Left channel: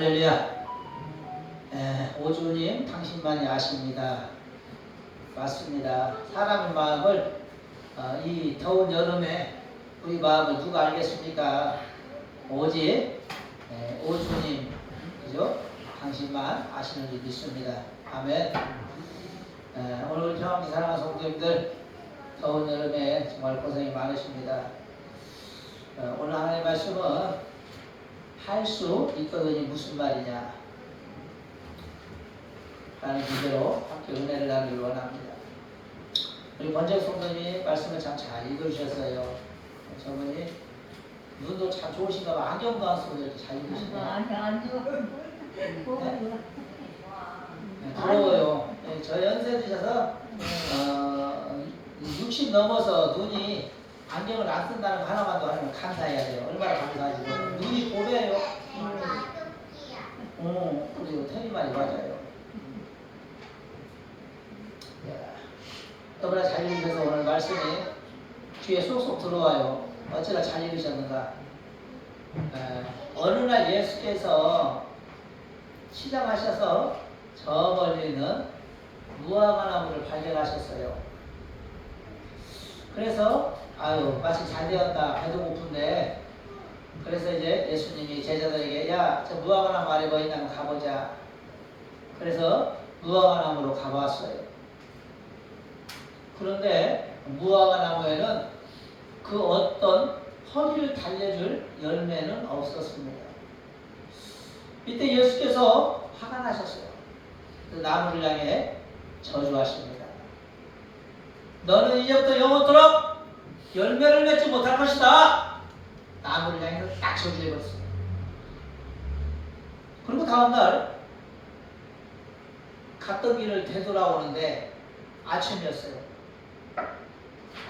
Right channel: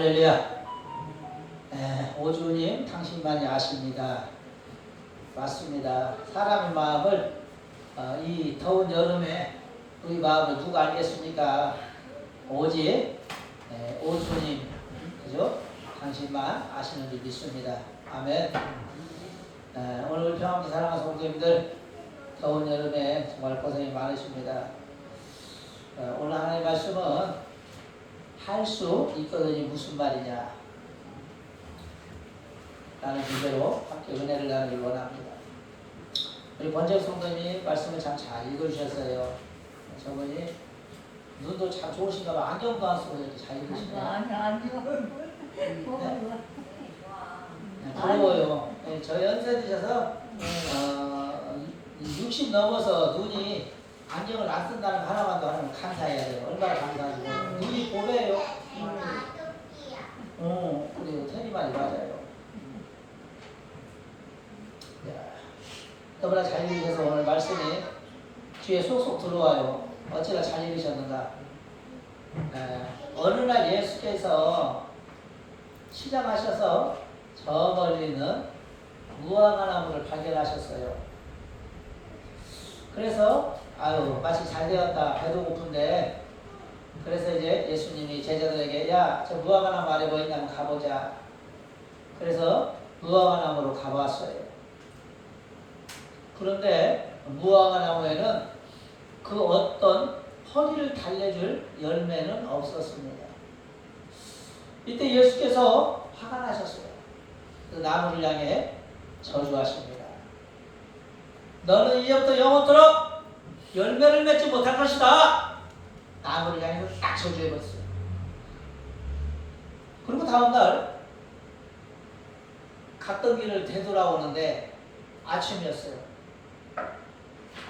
할렐루야. 오주님 당신만이 아십니다. 맞습니다. 사람의 마음을 이 더운 여름에 우리 마음을 누가 알겠습니까? 오직 오주님, 그죠? 당신만 아시는 줄 믿습니다. 아멘. 오늘 우리 평안주 사랑하는 성도님들, 더운 여름에 정말 고생이 많으십니다. 오늘 하나님의 말씀은 할 수 있거든이 무슨 말이냐 라는 주제로 함께 은혜를 나누길 원합니다. 우리 권정 성도님이 말씀을 참 잘 읽어주셨어요. 저분이 눈도 참 좋으신가 봐. 안경도 안 쓰고 이렇게 잘 읽으시네요. 부러워요. 저 연세 드셔서 60 넘어서 눈이 안경을 안 쓴다는 하나만도 하면 감사해야 돼요. 얼마나 감사하시고. 눈이 보배예요. 그리고 테리만이 맞아요. 너무나 잘 읽으셔서 오늘 말씀이 귀에 쏙쏙 들어와요. 어찌나 잘 읽으셨는가. 어느 날 예수께서 시장하셔서 저 멀리는 무화과나무를 발견하셨어요. 그래서 마침 잘 되었다. 배도 고픈데. 그래서 이제 예수님이 제자들에게 야, 저 무화과나무 아래 뭐 있나면 가보자. 그래서 무화과나무로 가봤어요. 그런데 무화과나무에는 그 어떤 허리를 달래줄 열매는 없었습니다. 이때 예수께서 화가 나셨어요. 그 나무를 향해 저주하십니다. 너는 이제부터 영원토록 열매를 맺지 못할 것이다. 나무를 향해서 딱 저주해버렸어요. 그리고 다음날 갔던 길을 되돌아오는데 아침이었어요.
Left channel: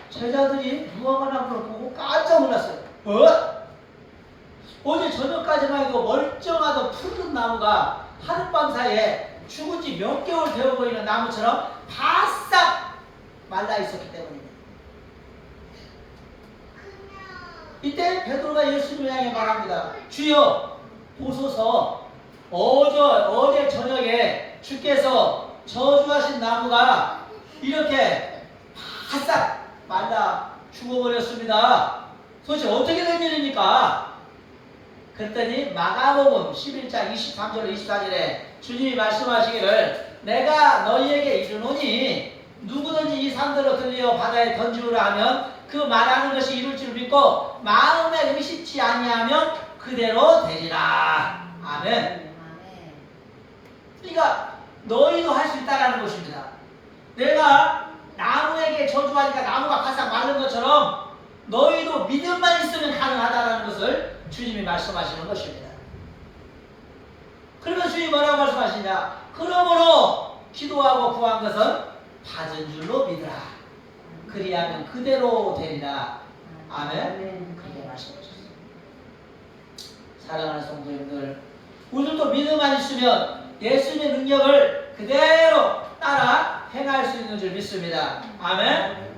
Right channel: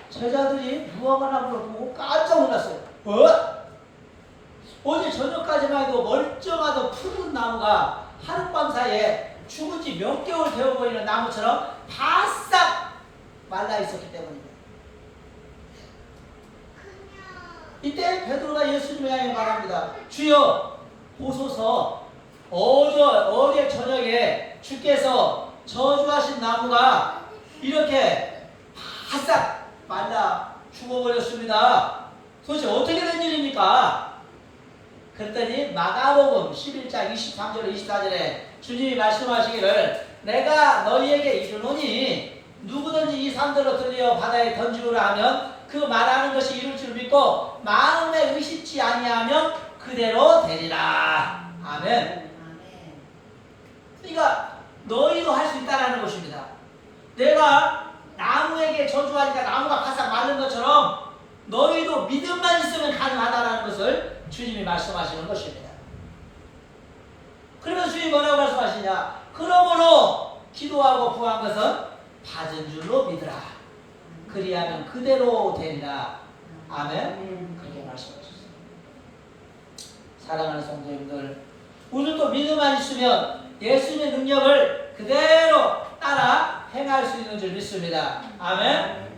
제자들이 무화과나무를 보고 깜짝 놀랐어요. 어제 저녁까지만 해도 멀쩡하던 푸른 나무가 하룻밤 사이에 죽은 지 몇 개월 되어 보이는 나무처럼 바싹 말라 있었기 때문입니다. 이때 베드로가 예수님을 향해 말합니다. 주여 보소서, 어제 저녁에 주께서 저주하신 나무가 이렇게 바싹 말라 죽어버렸습니다. 도대체 어떻게 된 일입니까? 그랬더니 마가복음 11장 23절 24절에 주님이 말씀하시기를 내가 너희에게 이르노니 누구든지 이 산들로 들려 바다에 던지우라 하면 그 말하는 것이 이룰 줄 믿고 마음에 의심치 아니하면 그대로 되리라. 아멘. 그러니까 너희도 할 수 있다는 것입니다. 내가 나무에게 저주하니까 나무가 바싹 마른 것처럼 너희도 믿음만 있으면 가능하다는 것을 주님이 말씀하시는 것입니다. 그러면 주님이 뭐라고 말씀하시냐? 그러므로 기도하고 구한 것은 받은 줄로 믿으라. 그리하면 그대로 되리라. 아멘. 그렇게 말씀하셨어요. 사랑하는 성도님들, 우리도 믿음만 있으면 예수님의 능력을 그대로 따라 행할 수 있는 줄 믿습니다. 아멘.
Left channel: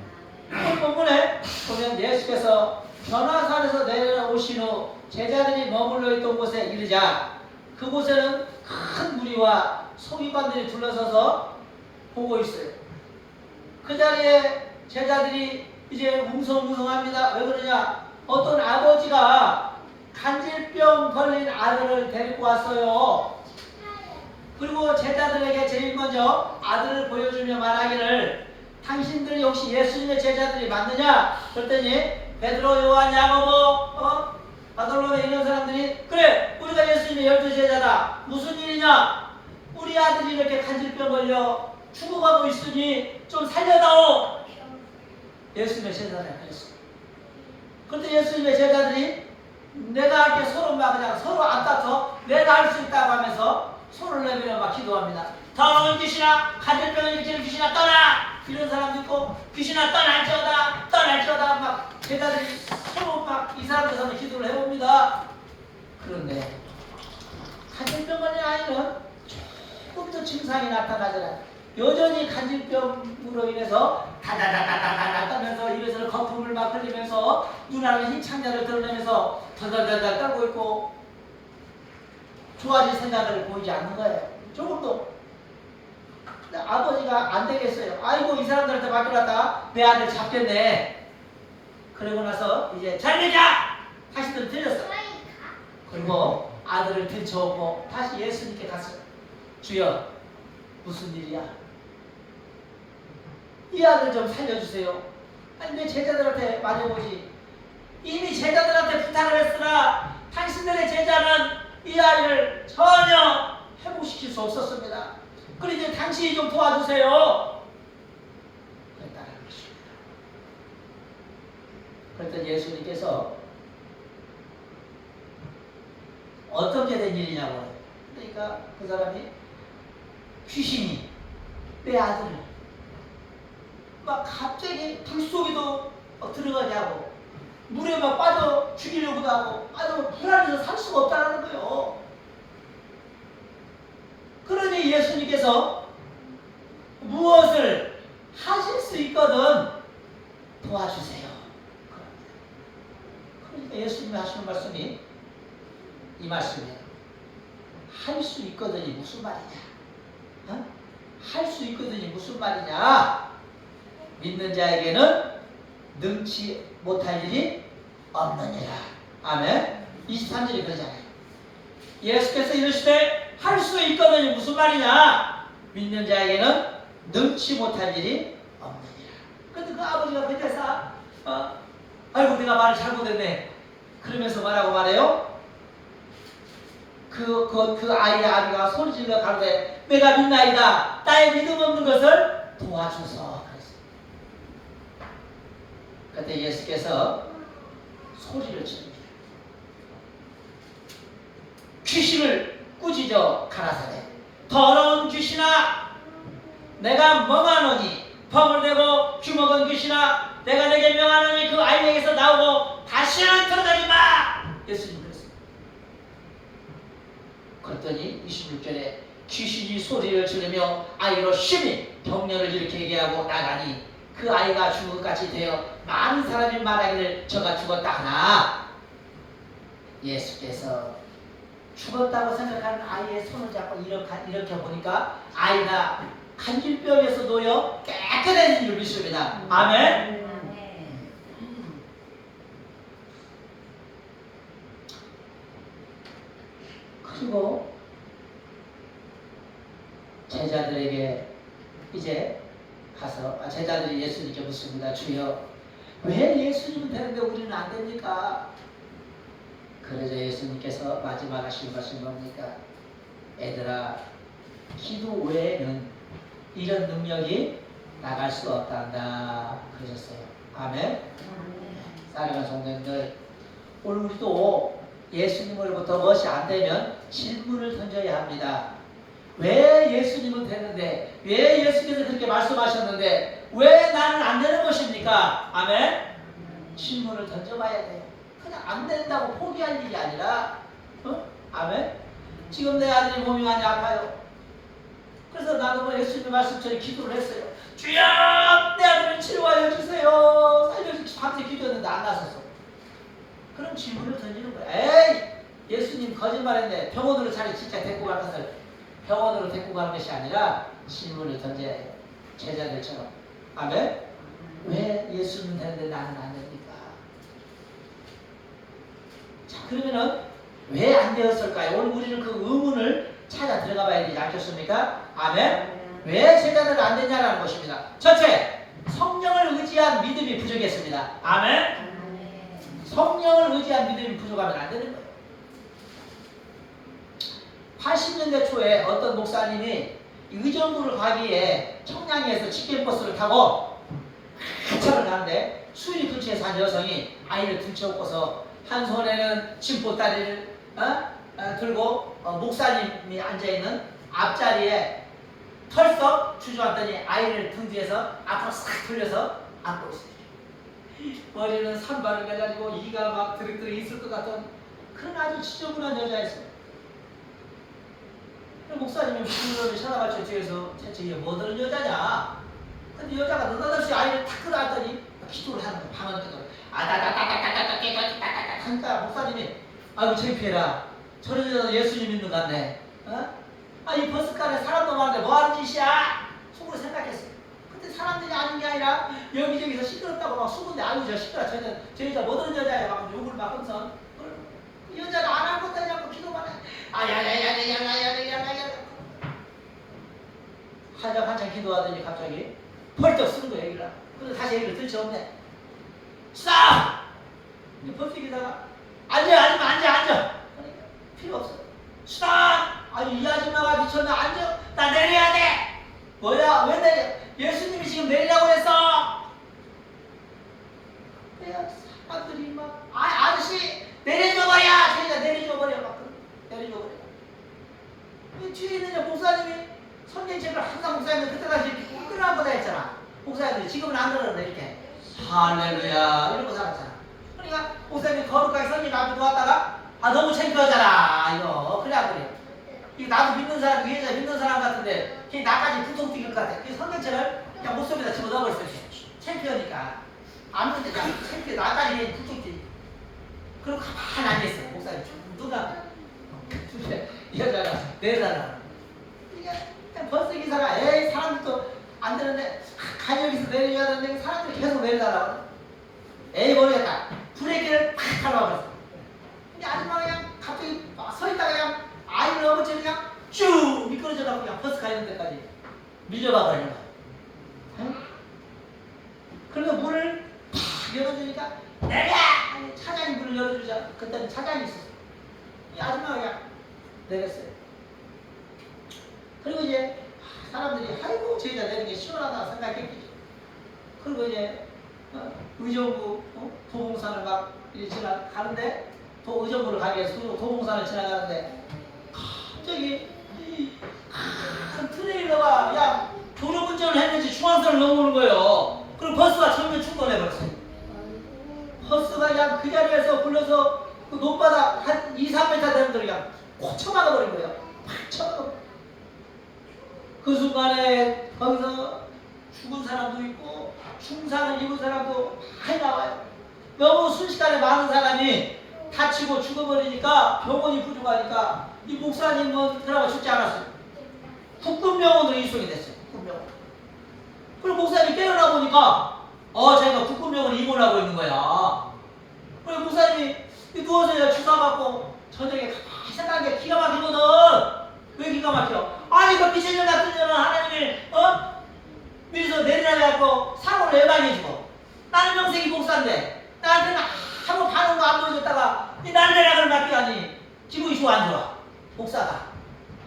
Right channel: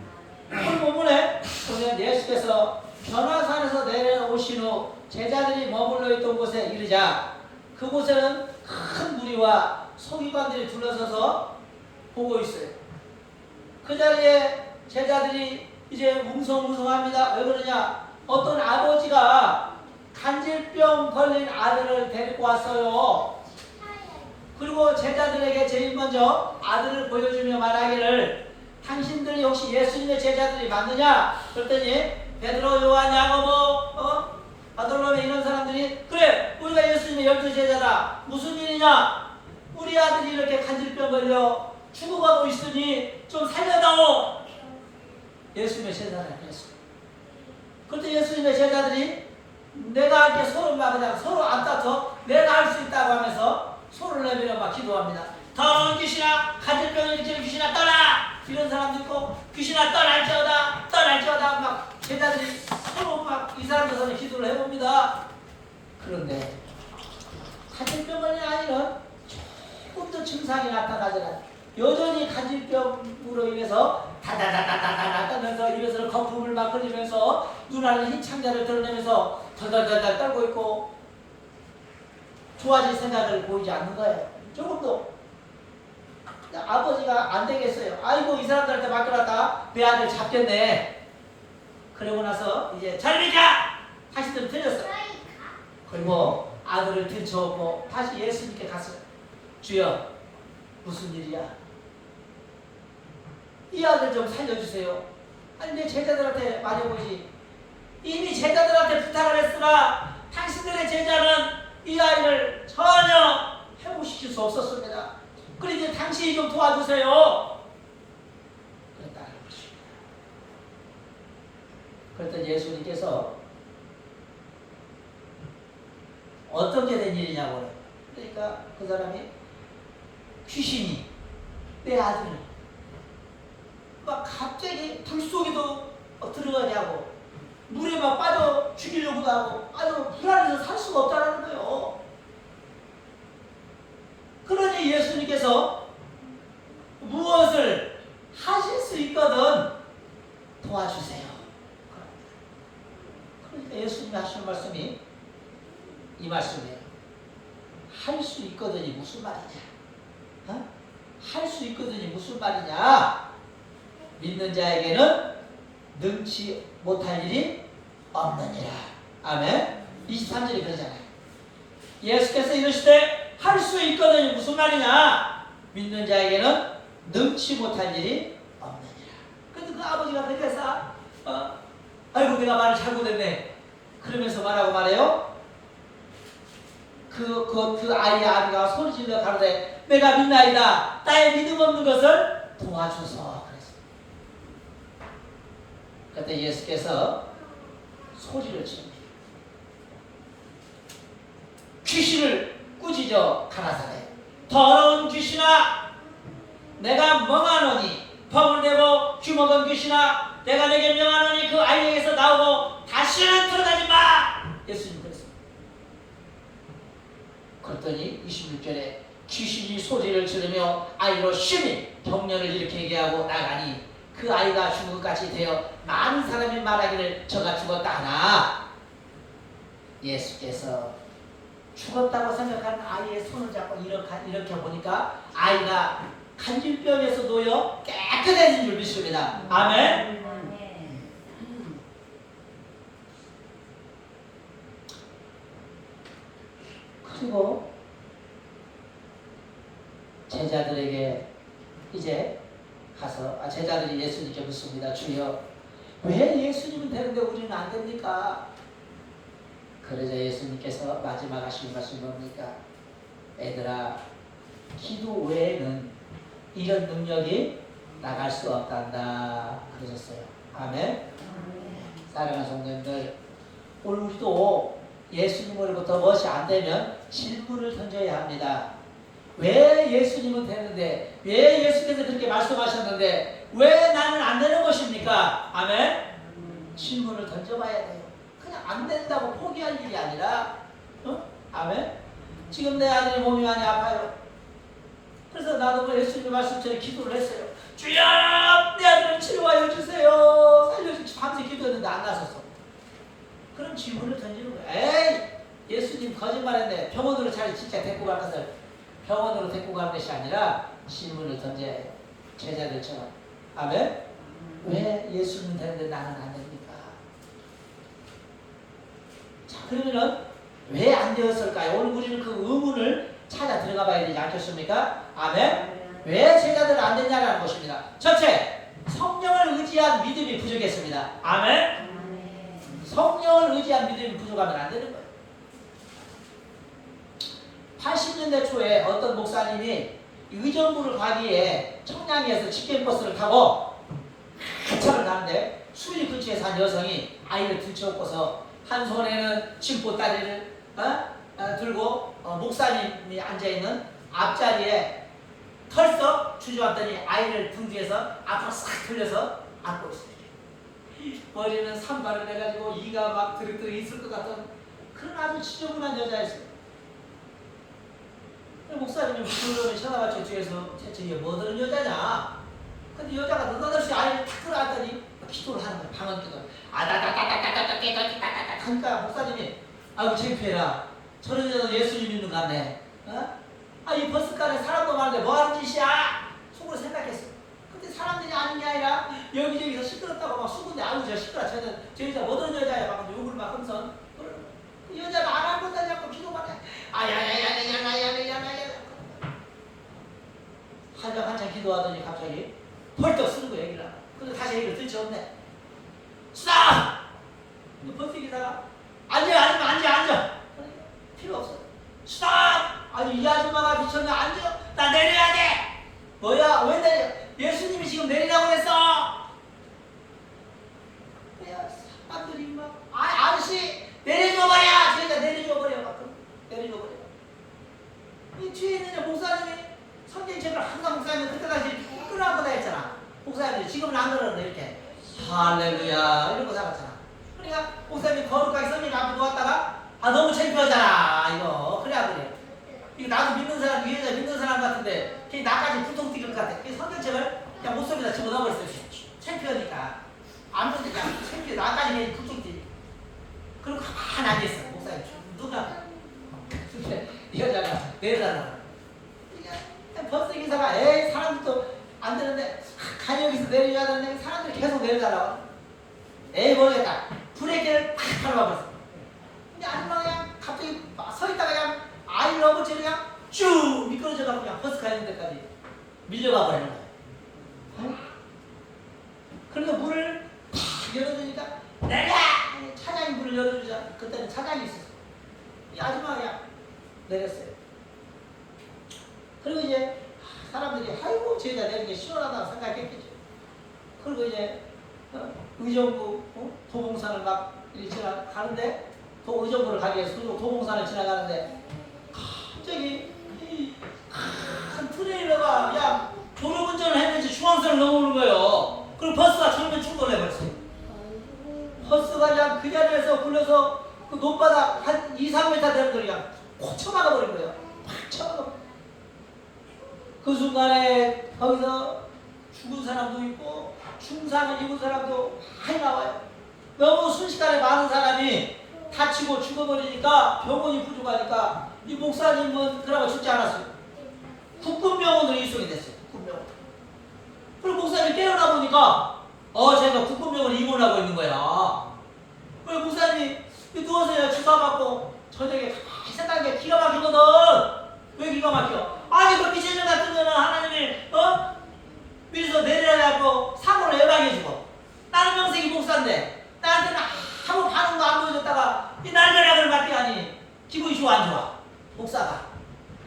오늘 본문에 보면 예수께서 변화산에서 내려오신 후 제자들이 머물러 있던 곳에 이르자 그곳에는 큰 무리와 서기관들이 둘러서서 보고 있어요. 그 자리에 제자들이 이제 웅성웅성합니다. 왜 그러냐? 어떤 아버지가 간질병 걸린 아들을 데리고 왔어요. 그리고 제자들에게 제일 먼저 아들을 보여주며 말하기를 당신들이 혹시 예수님의 제자들이 맞느냐? 그랬더니 베드로, 요한, 야고보, 바돌로메 이런 사람들이 그래 우리가 예수님의 12제자다. 무슨 일이냐? 우리 아들이 이렇게 간질병 걸려 죽어가고 있으니 좀 살려다오. 예수님의 제자들이 그랬어요. 그런데 예수님의 제자들이 내가 이렇게 서로 막 그냥 서로 안 따져 내가 할 수 있다고 하면서 손을 내밀어 막 기도합니다. 더러운 귀신아, 간질병을 일으키는 귀신아 떠나! 이런 사람도 있고 귀신아 떠날지어다 떠날지어다 막 제자들이 서로 막 이 사람들 손에 기도를 해봅니다. 그런데 간질병 걸린 아이는 조금도 증상이 나타나잖아요. 여전히 간질병으로 인해서 다다다다다다 떨면서 입에서 거품을 막 흘리면서 눈 안에 흰 창자를 드러내면서 덜덜덜덜 떨고 있고 좋아질 생각을 보이지 않는 거예요. 조금도. 아버지가 안 되겠어요. 아이고 이 사람들한테 맡겨놨다 내 아들 잡겠네. 그러고 나서 이제 잘리자 다시들 들렸어. 그리고 아들을 들쳐오고 다시 예수님께 갔어요. 주여 무슨 일이야? 이 아들 좀 살려주세요. 아니 내 제자들한테 맞아보지. 이미 제자들한테 부탁을 했으나 당신들의 제자는 이 아이를 전혀 회복시킬 수 없었습니다. 그러니 당신이 좀 도와주세요. 그랬다는 것입니다. 그랬더니 예수님께서 어떻게 된 일이냐고. 그러니까 그 사람이 귀신이 내 아들을 막 갑자기 불 속에도 들어가냐고 물에 막 빠져 죽이려고도 하고 아주 불안해서 살 수가 없다는 거예요. 그러니 예수님께서 무엇을 하실 수 있거든 도와주세요. 그러니까 예수님이 하시는 말씀이 이 말씀이에요. 할 수 있거든이 무슨 말이냐? 어? 할 수 있거든이 무슨 말이냐? 믿는 자에게는 능치 못할 일이 없느니라. 아멘. 23절이 그러잖아요. 예수께서 이르시되 할 수 있거든이 무슨 말이냐? 믿는 자에게는 능치 못할 일이 없느니라. 근데 그 아버지가 그때서 아이고 내가 말을 잘못했네. 그러면서 뭐라고 말해요? 그 아이의 아비가 소리질러 가로되 내가 믿나이다. 나의 믿음 없는 것을 도와줘서 그랬어요. 그때 예수께서 소리를 칩니다. 귀신을 꾸짖어 가라사대 더러운 귀신아 내가 멍하노니 펑을 대고 주먹은 귀신아 내가 내게 명하노니 그 아이에게서 나오고 다시는 드러나지 마. 예수님 그랬어요. 그랬더니 26절에 귀신이 소리를 지르며 아이로 심히 병렬을 일으키게 하고 나가니 그 아이가 죽은 것 같이 되어 많은 사람이 말하기를 저가 죽었다 하나 예수께서 죽었다고 생각하는 아이의 손을 잡고 이렇게 보니까 아이가 간질병에서 놓여 깨끗해진 줄 믿습니다. 아멘. 그리고 제자들에게 이제 가서 제자들이 예수님께 묻습니다. 주여 왜 예수님은 되는데 우리는 안 됩니까? 그러자 예수님께서 마지막 하신 말씀이 뭡니까? 애들아 기도 외에는 이런 능력이 나갈 수 없단다 그러셨어요. 아멘. 사랑하는 성도님들 오늘 우리도 예수님으로부터 무엇이 안 되면 질문을 던져야 합니다. 왜 예수님은 되는데 왜 예수께서 그렇게 말씀하셨는데 왜 나는 안 되는 것입니까? 아멘. 질문을 던져봐야 돼요. 그냥 안 된다고 포기할 일이 아니라 아멘. 지금 내 아들이 몸이 많이 아파요. 그래서 나도 뭐 예수님 말씀처럼 기도를 했어요. 주여 내 아들을 치료하여 주세요. 살려주세요. 밤새 기도했는데 안 나섰어. 그런 질문을 던지는 거예요. 에이 예수님 거짓말했네. 병원으로 차라리 진짜 데리고 갈 것을 병원으로 데리고 가는 것이 아니라 질문을 던져야 해요. 제자들처럼. 아멘. 왜 예수는 되는데 나는 안 됩니까? 자 그러면은 왜 안 되었을까요? 오늘 우리는 그 의문을 찾아 들어가 봐야 되지 않겠습니까? 아멘. 왜 제자들 안 되냐라는 것입니다. 첫째, 성령을 의지한 믿음이 부족했습니다. 아멘. 성령을 의지한 믿음이 부족하면 안 되는 거예요. 80년대 초에 어떤 목사님이 의정부를 가기에 청량리에서 직행버스를 타고 한참을 가는데 수리 근처에 산 여성이 아이를 들쳐업고서 한 손에는 침보다리를 들고 목사님이 앉아있는 앞자리에 털썩 주저앉더니 아이를 등 뒤에서 앞으로 싹 돌려서 안고 있습니다. 머리는 산발을 해가지고 이가 막 드륵드륵 있을 것 같던 그런 아주 지저분한 여자였어요. 목사님이 무슨 노래를 쳐다봤죠. 뒤에서 이게 뭐 들은 여자냐. 근데 여자가 느닷없이 아이를 탁 끌어안더니 기도를 하는 거야. 방언 기도를. 아다다다다다다다다다다다 하니까 목사님이 아유 창피해라. 저런 여자도 예수님 믿는 것 같네. 이 버스간에 사람도 많은데 뭐 하는 짓이야? 속으로 생각했어. 근데 사람들이 아는 게 아니라 여기저기서 시끄럽다고 막 수군데 아유 저 시끄러. 저 여자 뭐 어떤 여자야 막 욕을 막 하면서 그 여자가 안 할 것도 아니고 기도만 해. 야야야야야야야야야야 한참 기도하더니 갑자기 벌떡 쓰는 거야 얘기를. 근데 다시 얘기를 들지 없네. 싸! 버스기다가 앉아. 그러니까 필요 없어. 싸! 아니 이 아줌마가 미쳤나? 앉아. 나 내려야 돼. 뭐야? 왜 내려? 예수님이 지금 내리라고 했어. 야 사람들이 막 아저씨 내려줘봐야. 제가 내려줘버려. 내려줘버려. 이 뒤에 있는 목사님이 선진책을 항상 목사님은 그때까지 끊어한 거다 했잖아. 목사님들이 지금은 안 그러는데 이렇게 할렐루야 이러고 살았잖아. 그러니까 목사님이 거룩하게 선진 앞에 놓았다가 너무 창피하잖아 이거. 그래. 이거 나도 믿는 사람 위에서 믿는 사람 같은데 걔 나까지 부통 튀길 것 같아. 그 선진책을 그냥 옷 속에다 집어넣어버렸어. 창피하니까 안 보는데 그냥 창피해. 나까지 걔 부통 튀기. 그리고 가만히 앉아있어. 목사님 누가 이 여자가 내려달라. 버스 기사가 사람들도 안 되는데 간여기서 내려줘야 되는데 사람들이 계속 내려달라고. 모르겠다. 브레이크를 탁 밟아버렸어. 근데 아줌마가 그냥 갑자기 서있다가 그냥 아이를 업어채 그냥 쭉 미끄러져가고 그냥 버스 가는 데까지 밀려가 버리는 거야. 응? 그러니까 문을 탁 열어주니까 내려! 차장이 문을 열어주자. 그때는 차장이 있었어. 이 아줌마가 그냥 내렸어요. 그리고 이제 사람들이 아이고 저 여자 내는 게 시원하다 생각했겠죠. 그리고 이제 의정부 도봉산을 막 지나가는데 의정부를 가기 위해서 도봉산을 지나가는데 갑자기 큰 트레일러가 야 졸음운전을 했는지 중앙선을 넘어오는 거예요. 그리고 버스가 정면 충돌해버렸어요. 버스가 그냥 그 자리에서 굴러서 그 높바닥 한 2-3m 되는 데를 그냥 콕 쳐박아버린 거예요. 팍 쳐박아버린. 그 순간에 거기서 죽은 사람도 있고 중상을 입은 사람도 많이 나와요. 너무 순식간에 많은 사람이 다치고 죽어버리니까 병원이 부족하니까 이 목사님은 그나마 죽지 않았어요. 국군병원으로 이송이 됐어요. 국군병원. 그리고 목사님이 깨어나 보니까 자기가 국군병원에 입원하고 있는 거야. 그리고 목사님이 누워서 주사 맞고 저녁에 생각한 게 기가 막히거든. 왜 기가 막혀? 아니 그 비세전 같은 거는 하나님이 미리서 내려가고 사고를 예방해주고 나는 명색이 목사인데 나한테는 아무 반응도 안 보여줬다가 이 날벼락을 맞게 하니 기분이 좋아 안 좋아? 목사가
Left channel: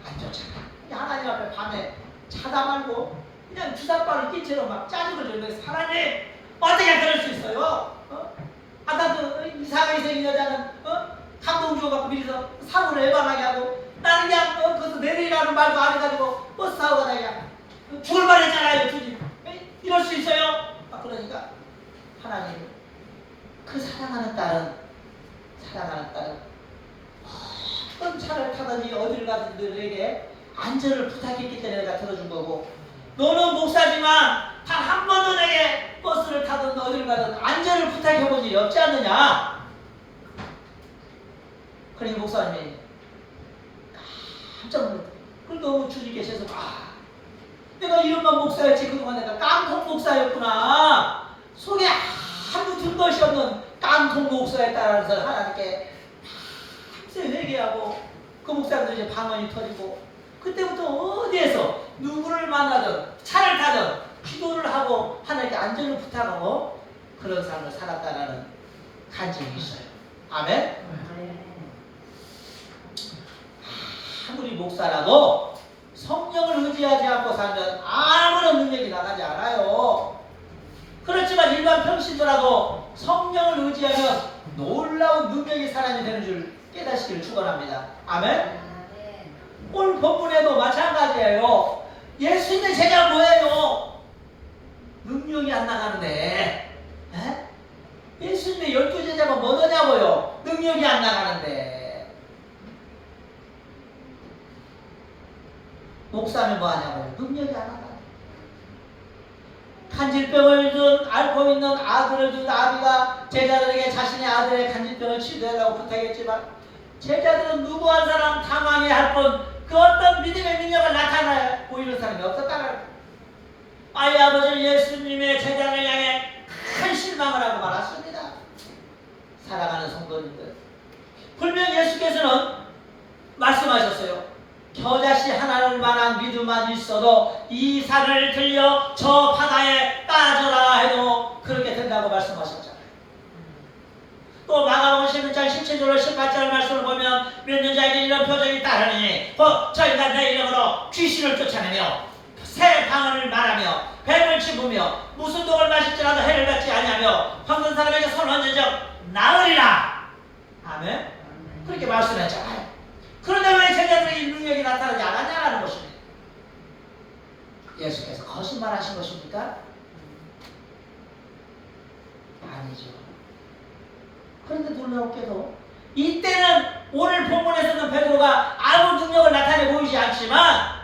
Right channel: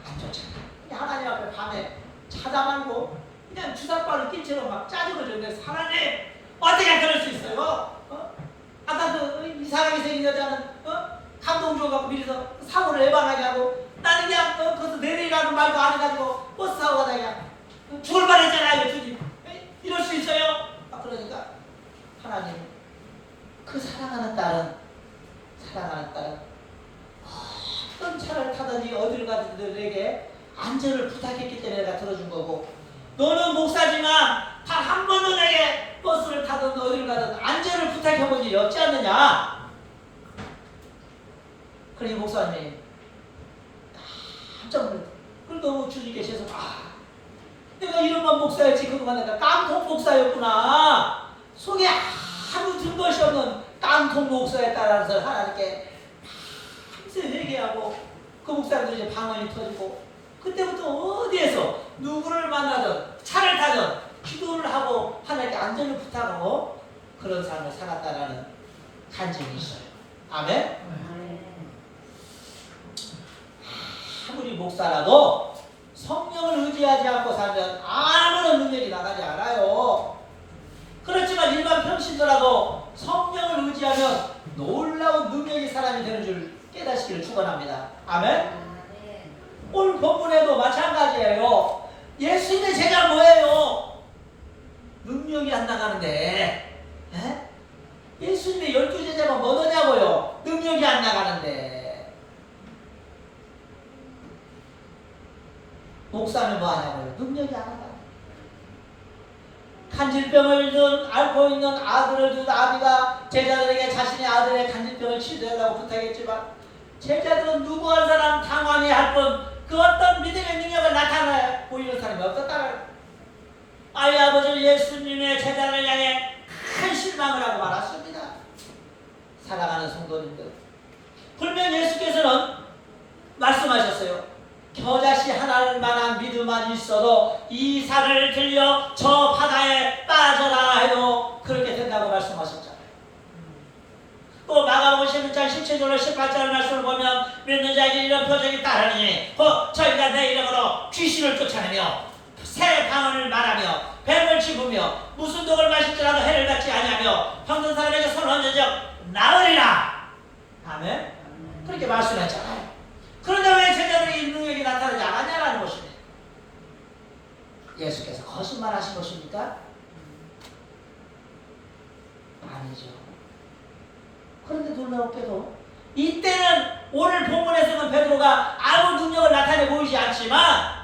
안 좋잖아. 하나님 앞에 밤에 자다 말고 그냥 주사바를 낀처럼 막 짜증을 줬는데 하나님 어떻게 그럴 수 있어요? 아까 그 이상하게 생긴 여자는 감동 줘갖고 미리서 사고를 예방하게 하고 나는 그냥 거기서 내리라는 말도 안 해가지고 버스 타고 가다 그냥 죽을 뻔했잖아요 주님. 이럴 수 있어요? 그러니까 하나님 그 사랑하는 딸은 어떤 차를 타든지 어디를 가든 너에게 안전을 부탁했기 때문에 내가 들어준 거고 너는 목사지만 단 한 번도 내게 버스를 타든 어디를 가든 안전을 부탁해본 적이 없지 않느냐. 그러니 목사님이 깜짝 놀랐다. 그리고 주님께서 내가 이름만 목사였지 그동안 내가 깡통 목사였구나. 속에 아무 든 것이 없는 깡통 목사였다라서 하나님께 밤새 회개하고 그 목사님도 이제 방언이 터지고 그때부터 어디에서 누구를 만나든 차를 타든 기도를 하고 하나님께 안전을 부탁하고 그런 삶을 살았다라는 간증이 있어요. 아멘. 아무리 목사라도 성령을 의지하지 않고 살면 아무런 능력이 나가지 않아요. 그렇지만 일반 평신도라도 성령을 의지하면 놀라운 능력이 사람이 되는 줄 깨닫기를 축원합니다. 아멘. 오늘 본문에도 마찬가지예요. 예수님의 제자는 뭐예요? 능력이 안 나가는데 예수님의 12제자가 뭐냐고요? 능력이 안 나가는데 목사는 뭐 하냐고요? 능력이 안 나가. 간질병을 앓고 있는 아들을 둔 아비가 제자들에게 자신의 아들의 간질병을 치료해달라고 부탁했지만 제자들은 누구 한 사람 당황해 할 뿐 그 어떤 믿음의 능력을 나타내 보이는 사람이 없었다가 아이 아버지는 예수님의 제자를 향해 큰 실망을 하고 말았습니다. 사랑하는 성도님들, 분명 예수께서는 말씀하셨어요. 겨자씨 하나를 만한 믿음만 있어도 이 산을 들려 저 바다에 빠져라 해도 그렇게 된다고 말씀하셨잖아요. 또 마가복음 16장 17절 18절 말씀을 보면 믿는 자에게 이런 표적이 따르니 곧 저희가 내 이름으로 귀신을 쫓아내며 새 방언을 말하며 뱀을 짚으며 무슨 독을 마실지라도 해를 받지 아니하며 병든 사람에게 손을 얹어져 나으리라. 아멘. 그렇게 말씀했잖아요. 그런데 왜 제자들에게 이 능력이 나타나지 않았냐라는 것입니다. 예수께서 거짓말하신 것입니까? 아니죠. 그런데 놀라웠게도 이때는 오늘 본문에서는 베드로가 아무 능력을 나타내 보이지 않지만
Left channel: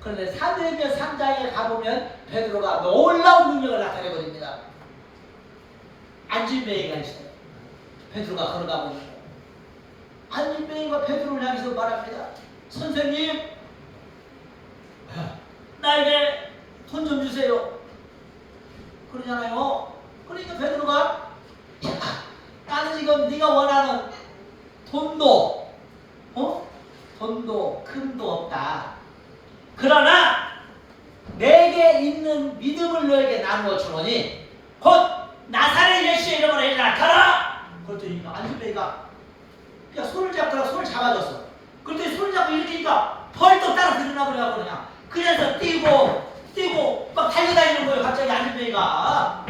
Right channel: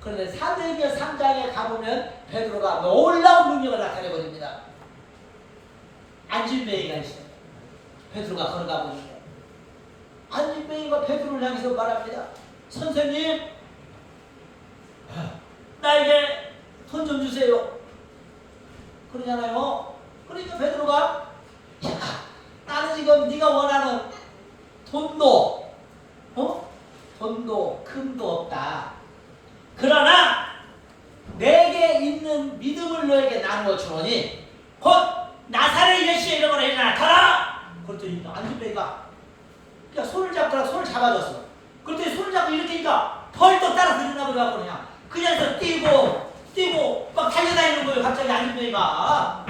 그런데 사도행전 3장에 가보면 베드로가 놀라운 능력을 나타내 버립니다. 안진뱅이가 있어요. 베드로가 걸어가 보니까 안진뱅이가 베드로를 향해서 말합니다. 선생님, 나에게 돈 좀 주세요. 그러잖아요. 그러니까 베드로가 나는 지금 네가 원하는 돈도 돈도 금도 없다. 그러나 내게 있는 믿음을 너에게 나누어 주노니 곧 나사렛 예수의 이름으로 일어나 가라. 그랬더니 안진뱅이가 그냥 손을 잡더라. 손을 잡아줬어. 그랬더니 손을 잡고 이렇게 하니까 벌떡 따라 들으나 그래갖고 그냥 뛰고 막 달려다니는 거예요. 갑자기 안진뱅이가.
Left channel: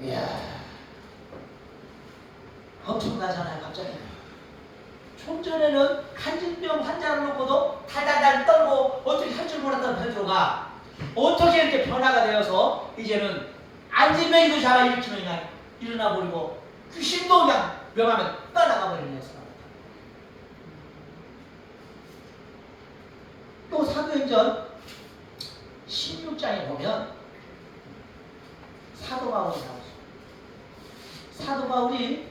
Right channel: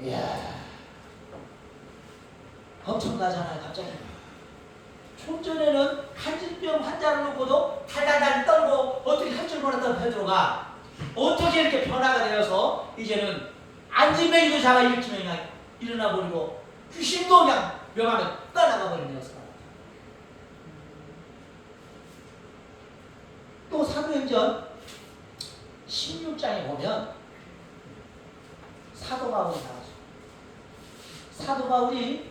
이야, 엄청나잖아요. 갑자기 좀 전에는 간질병 환자를 놓고도 달달달 떨고 어떻게 할 줄 몰랐던 베드로가 어떻게 이렇게 변화가 되어서 이제는 안진뱅이도 잡아 일으키면 그냥 일어나 버리고 귀신도 그냥 명하면 떠나가 버리는 녀석. 또 사도행전 16장에 보면 사도 바울이 나오죠. 사도 바울이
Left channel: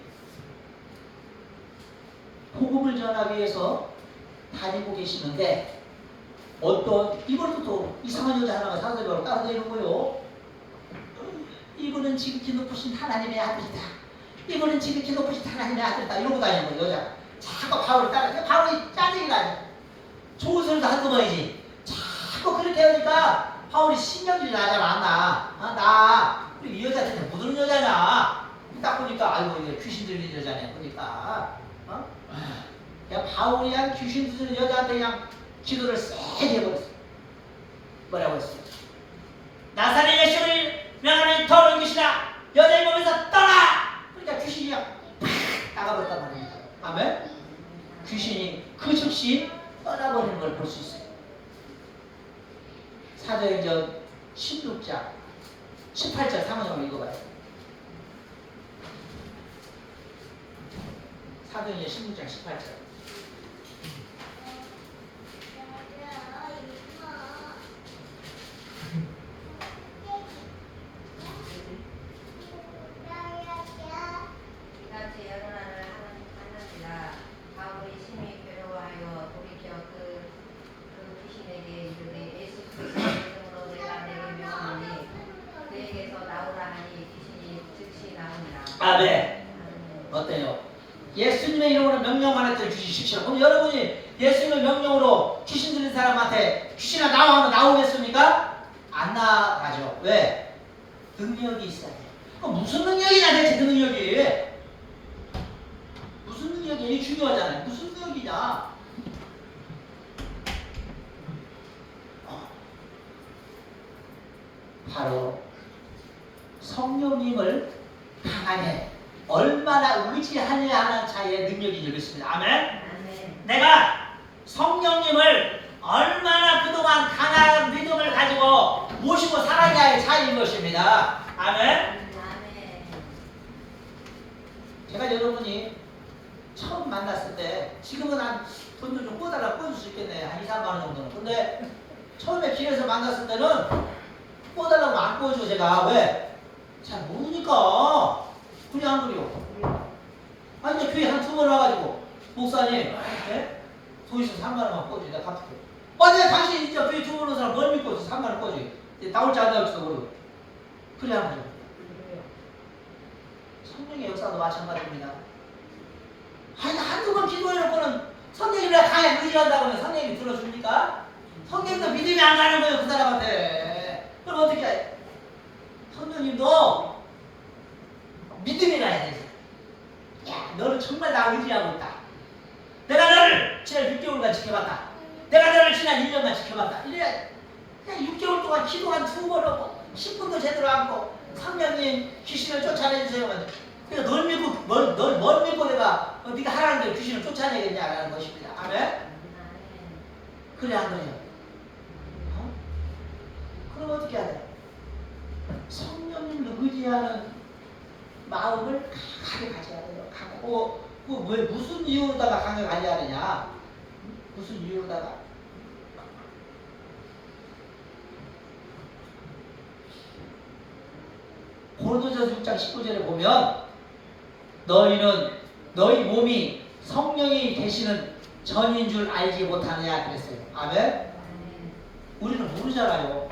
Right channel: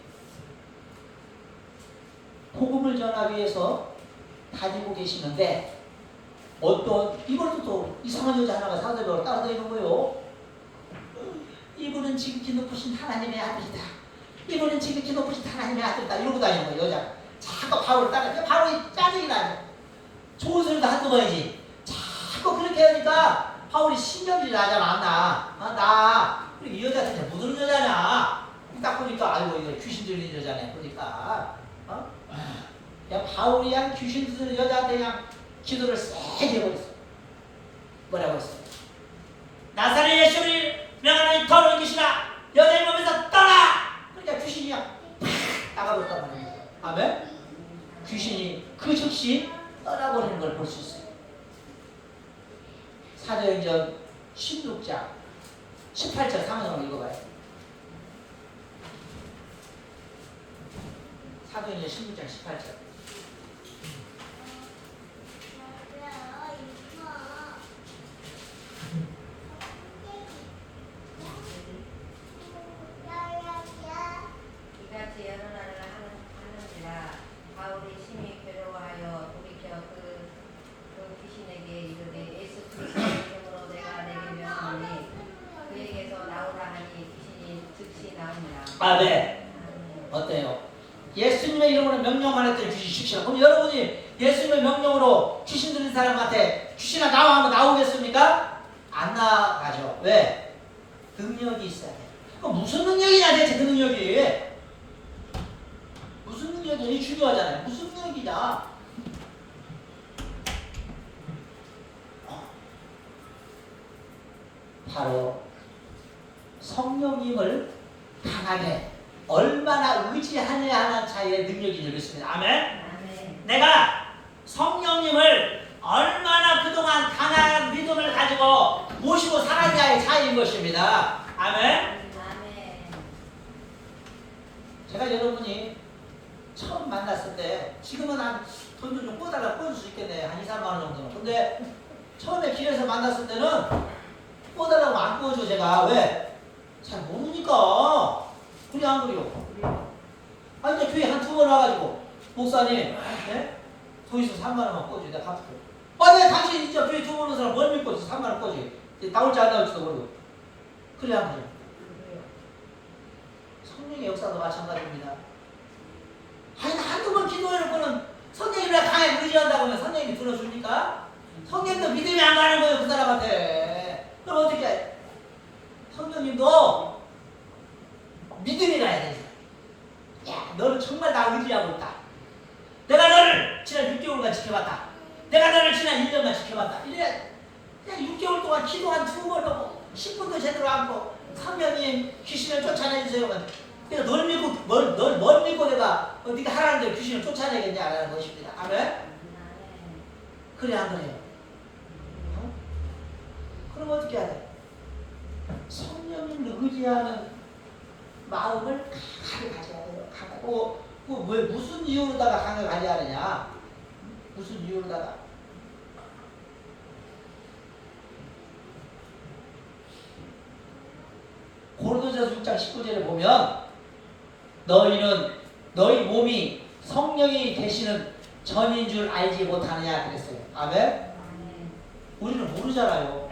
복음을 전하기 위해서 다니고 계시는데 어떤 이것도 또 이상한 여자 하나가 사도 바울을 따라다니는 거예요. 이분은 지극히 높으신 하나님의 아들이다. 이분은 지극히 높으신 하나님의 아들이다. 이러고 다니는 거예요. 여자 자꾸 바울을 따라. 바울이 짜증이 나요. 좋은 소리도 한두 번이지. 자꾸 그렇게 하니까 바울이 신경질이 나잖아. 나 이 여자한테 묻는 여자냐. 딱 보니까 아이고 이거 귀신 들린 여자네. 보니까 야, 바울이 한 귀신 들린 여자한테 그냥 기도를 세게 해버렸어. 뭐라고 했어? 나사렛 예수를 명하는 더러운 귀신아 여자의 몸에서 떠나. 그러니까 귀신이 그냥 팍 나가버렸단 말이야. 아멘. 귀신이 그 즉시 떠나버리는 걸 볼 수 있어요. 사도행전 16장 18절 상황을 읽어봐요. 사도행전 16장 18절. 이같이 여러 날을 하는지라 바울이 심히 괴로워하여 돌이켜 그 귀신에게 이르되 예수 그리스도의 이름으로 내가 내게 명하노니 그에게서 나오라 하니 귀신이 즉시 나오니라. 네. 어때요? 예수님의 이름으로 명령만 했더니 귀신 십시오. 그럼 여러분이 예수님의 명령으로 귀신 들린 사람한테 귀신아 나와 하면 나오겠습니까? 안 나가죠. 왜? 능력이 있어요. 그럼 무슨 능력이냐 대체 그 능력이? 무슨 능력이? 이게 중요하잖아요. 무슨 능력이냐? 바로 성령님을 강하게 얼마나 의지하느냐 하는 차이의 능력이 되겠습니다. 아멘? 아멘. 내가 성령님을 얼마나 그동안 강한 믿음을 가지고 모시고 살았냐의 차이인 것입니다. 아멘? 아멘. 제가 여러분이 처음 만났을 때 지금은 한 돈을 좀 꿔달라고 꿔줄 수 있겠네. 한 2, 3만 원 정도는. 근데 처음에 길에서 만났을 때는 꿔달라고 안 꿔줘. 제가 왜? 잘 모르니까 그냥 안 그래요. 아니 근데 교회 한 2번 번 와가지고 목사님, 예? 도에서 3만 원만 꿔줘. 내가 갚을게. 내가 당신 진짜 교회 두 번 오는 사람 뭘 믿고 3만 원 꿔줘. 나올지 안 나올지도 모르고. 그래 한 거죠. 성령의 역사도 마찬가지입니다. 아니 한두 번 기도해놓고는 성령이 왜 강에 의지한다고는 성령이 들어줍니까? 성령도 믿음이 안 가는 거예요 그 사람한테. 그럼 어떻게 해? 성령님도 믿음이 가야 되지. 야 너는 정말 나 의지하고 있다. 내가 너를 지난 6개월간 지켜봤다. 내가 너를 지난 1년간 지켜봤다. 이래 그냥 6개월 동안 기도 한 2번 하고 10분도 제대로 안 하고 성령님 귀신을 쫓아내주세요. 내가 널 믿고 뭘 믿고 내가 네가 하라는 대로 귀신을 쫓아내겠냐라는 것입니다. 아멘. 그래 한 거예요. 그럼 어떻게 해야 돼? 성령님을 의지하는 마음을 강하게 가져야 돼요. 왜 무슨 이유로다가 강하게 가져야 되냐? 무슨 이유로다가? 고린도전서 6장 19절에 보면 너희 몸이 성령이 되시는 전인 줄 알지 못하느냐 그랬어요. 아멘? 우리는 모르잖아요.